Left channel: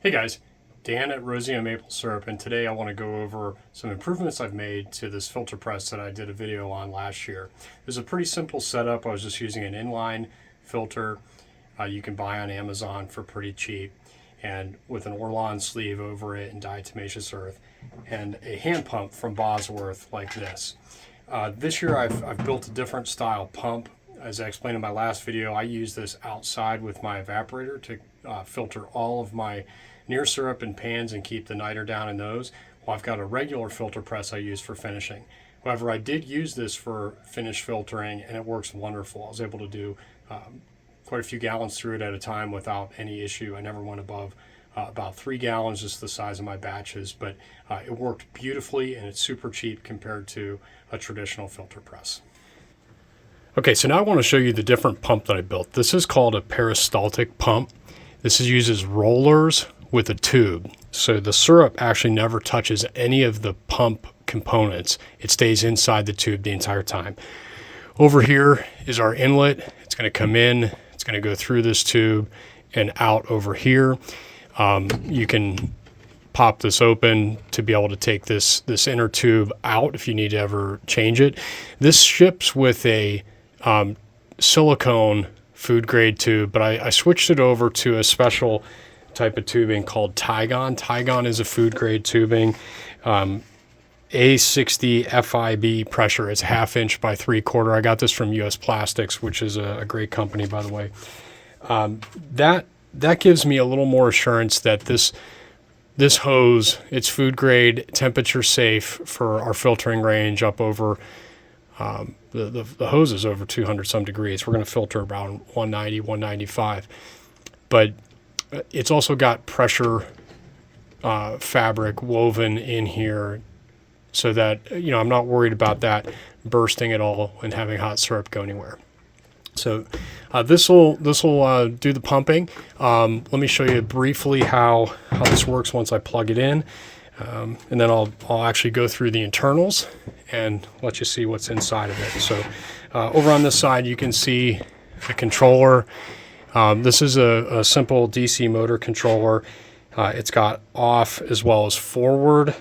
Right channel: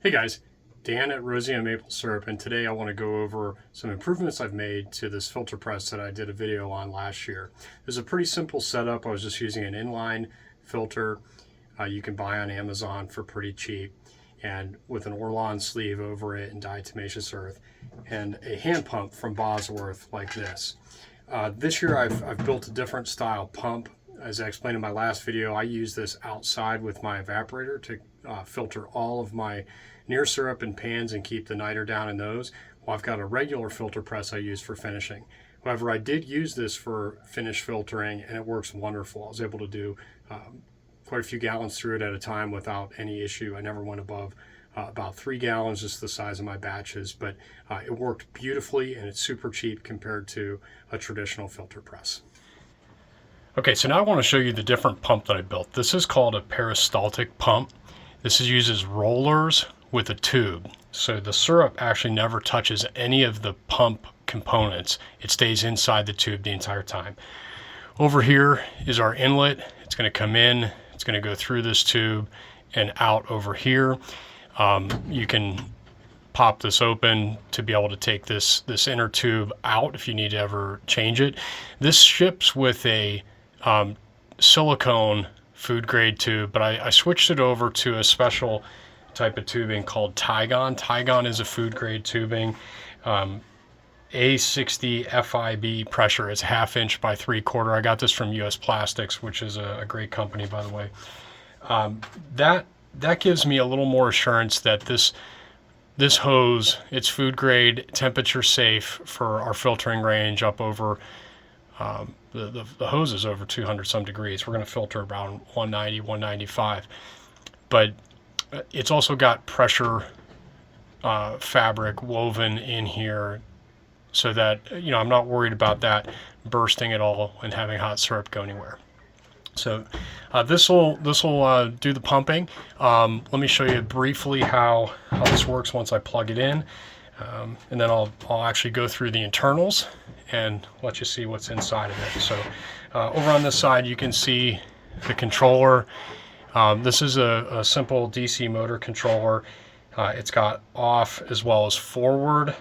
Hey guys, Dan at Rosia Maple Syrup, and today I want to go over some improvements I've made to this filter press that I did a video on last year. It's a pretty simple setup. I was just using an inline filter you can buy on Amazon for pretty cheap, and with an Orlon sleeve over it and diatomaceous earth, and a hand pump from Bosworth like this. This year I've built a different style pump. As I explained in my last video, I use this outside with my evaporator to filter all of my near syrup and pans and keep the niter down in those. Well, I've got a regular filter press I use for finishing. However, I did use this for finish filtering and it works wonderful. I was able to do quite a few gallons through it at a time without any issue. I never went above about 3 gallons, just the size of my batches, but it worked beautifully and it's super cheap compared to a traditional filter press. Okay, so now I want to show you the different pump that I built. This is called a peristaltic pump. This uses rollers with a tube. So the syrup actually never touches any of the pump components. It stays inside the tube the entire time. Over here is our inlet. It's going to come in, it's going to go through this tube and out over here. You can pop this open to be able to take this inner tube out if you need to ever change it. This ships with a silicone food grade tube, but I switched it over to a special type of tubing called Tygon. Tygon is a food grade tubing. A60 FIB pressure. It's 1/2 inch by 3/4. I got this from US Plastics, which is a great company, by the way. That gives me a little more assurance that this hose, it's food grade, temperature safe for our filtering range up over the hose is over 200 some degrees. We're going to filter around 190, 195. But it's also got pressure fabric woven in here so that, you know, I'm not worried about that bursting at all and having hot syrup go anywhere. So this will do the pumping. Let me show you briefly how this works once I plug it in. And then I'll actually go through the internals and let you see what's inside of it. So over on this side, you can see the controller. This is a simple DC motor controller. It's got off as well as forward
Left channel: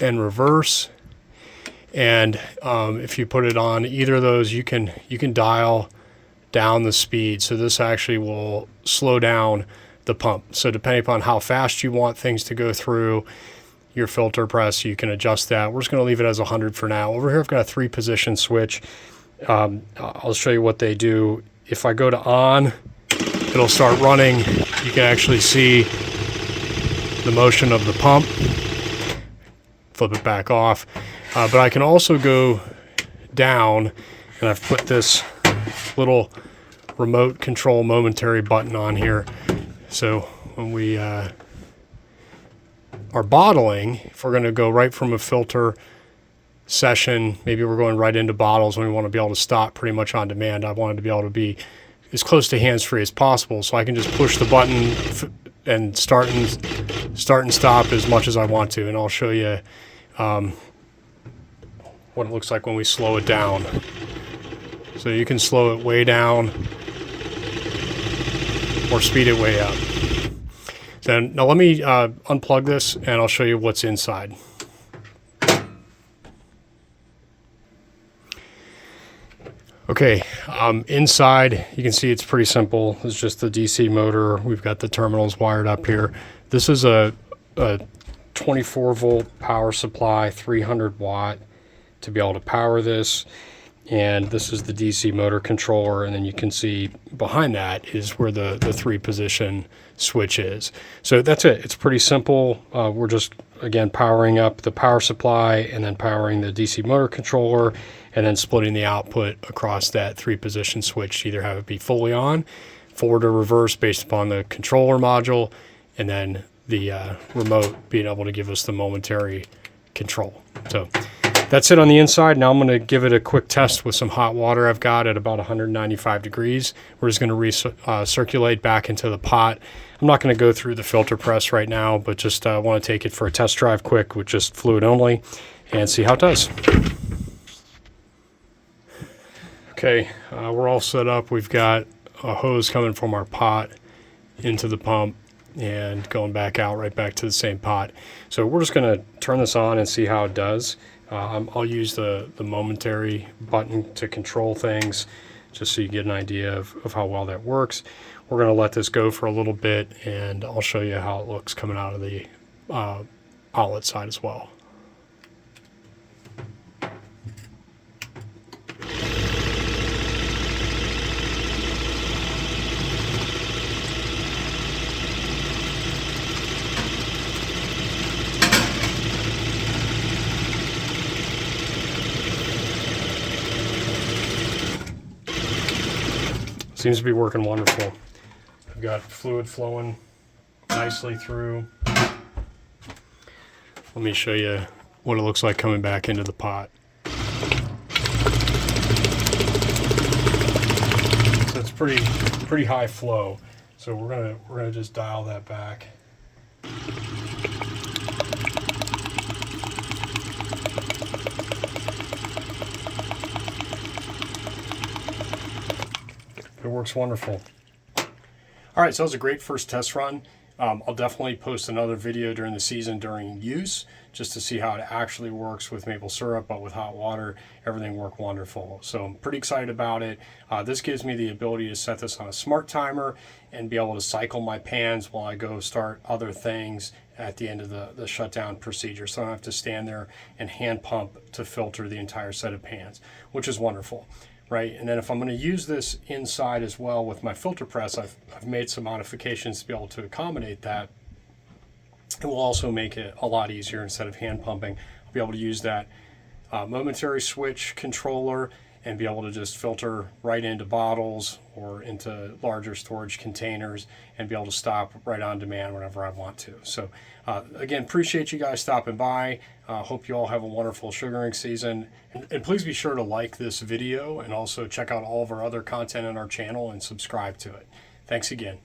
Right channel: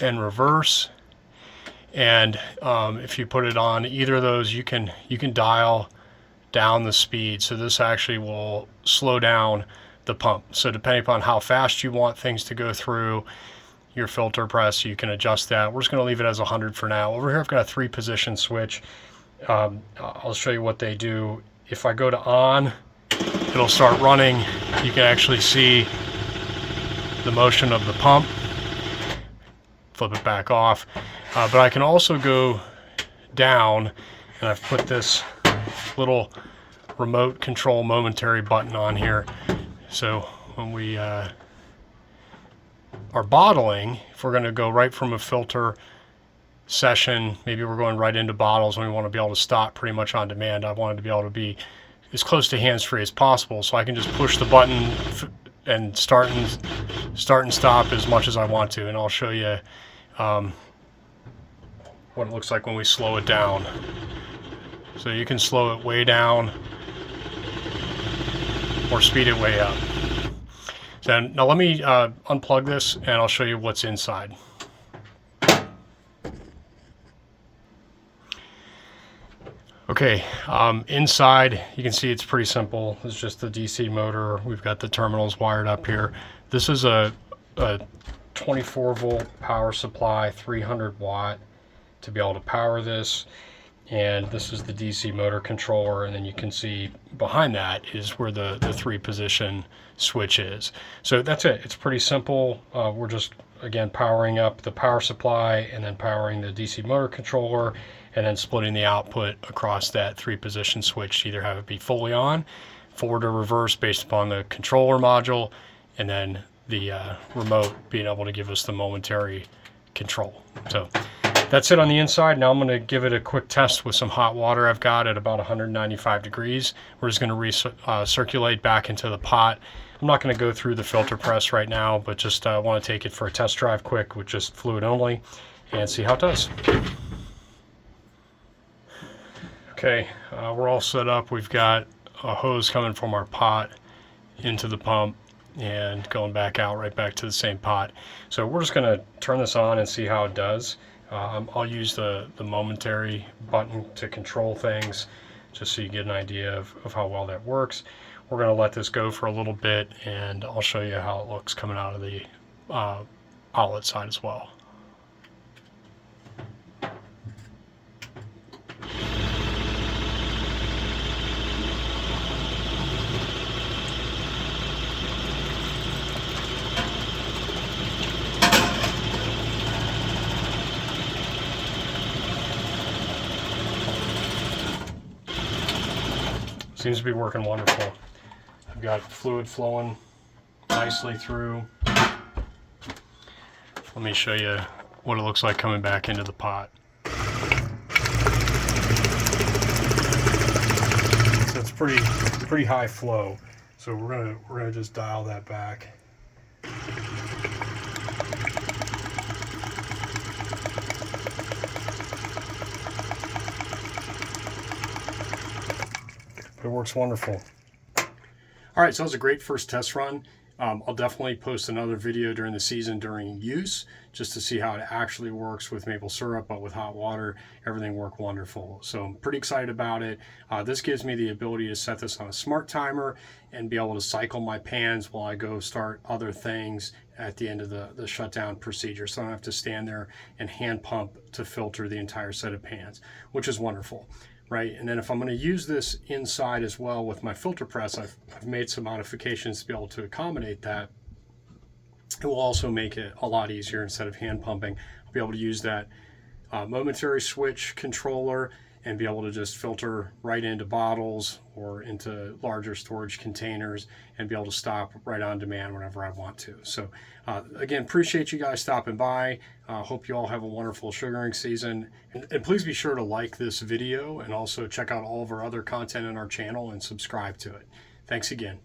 and reverse. And if you put it on either of those, you can dial down the speed. So this actually will slow down the pump. So depending upon how fast you want things to go through your filter press, you can adjust that. We're just going to leave it as 100 for now. Over here I've got a 3-position switch. I'll show you what they do. If I go to on, it'll start running. You can actually see the motion of the pump. Flip it back off. But I can also go down, and I've put this little remote control momentary button on here. So when we are bottling, if we're going to go right from a filter session, maybe we're going right into bottles and we want to be able to stop pretty much on demand. I wanted to be able to be as close to hands-free as possible, so I can just push the button and start and stop as much as I want to. And I'll show you what it looks like when we slow it down. So you can slow it way down or speed it way up. So now let me unplug this and I'll show you what's inside. Okay, inside you can see it's pretty simple. It's just the DC motor. We've got the terminals wired up here. This is a 24 volt power supply, 300 watt to be able to power this. And this is the DC motor controller, and then you can see behind that is where the 3-position switch is. So that's it. It's pretty simple. We're just, again, powering up the power supply and then powering the DC motor controller and then splitting the output across that 3-position switch to either have it be fully on, forward or reverse based upon the controller module, and then the remote being able to give us the momentary control. So that's it on the inside. Now I'm going to give it a quick test with some hot water I've got at about 195 degrees. We're just going to recirculate back into the pot. I'm not going to go through the filter press right now, but just want to take it for a test drive quick with just fluid only and see how it does. Okay, we're all set up. We've got a hose coming from our pot into the pump and going back out right back to the same pot. So we're just going to turn this on and see how it does. I'll use the momentary button to control things just so you get an idea of how well that works. We're going to let this go for a little bit and I'll show you how it looks coming out of the outlet side as well. Seems to be working wonderful. I've got fluid flowing nicely through. Let me show you what it looks like coming back into the pot. So it's pretty high flow. So we're gonna just dial that back. It works wonderful. All right, so that was a great first test run. I'll definitely post another video during the season during use just to see how it actually works with maple syrup, but with hot water, everything worked wonderful. So I'm pretty excited about it. This gives me the ability to set this on a smart timer and be able to cycle my pans while I go start other things at the end of the shutdown procedure. So I don't have to stand there and hand pump to filter the entire set of pans, which is wonderful. Right, and then if I'm going to use this inside as well with my filter press, I've made some modifications to be able to accommodate that. It will also make it a lot easier. Instead of hand pumping, I'll be able to use that momentary switch controller and be able to just filter right into bottles or into larger storage containers and be able to stop right on demand whenever I want to. So again, appreciate you guys stopping by. Hope you all have a wonderful sugaring season. And please be sure to like this video and also check out all of our other content on our channel and subscribe to it. Thanks again.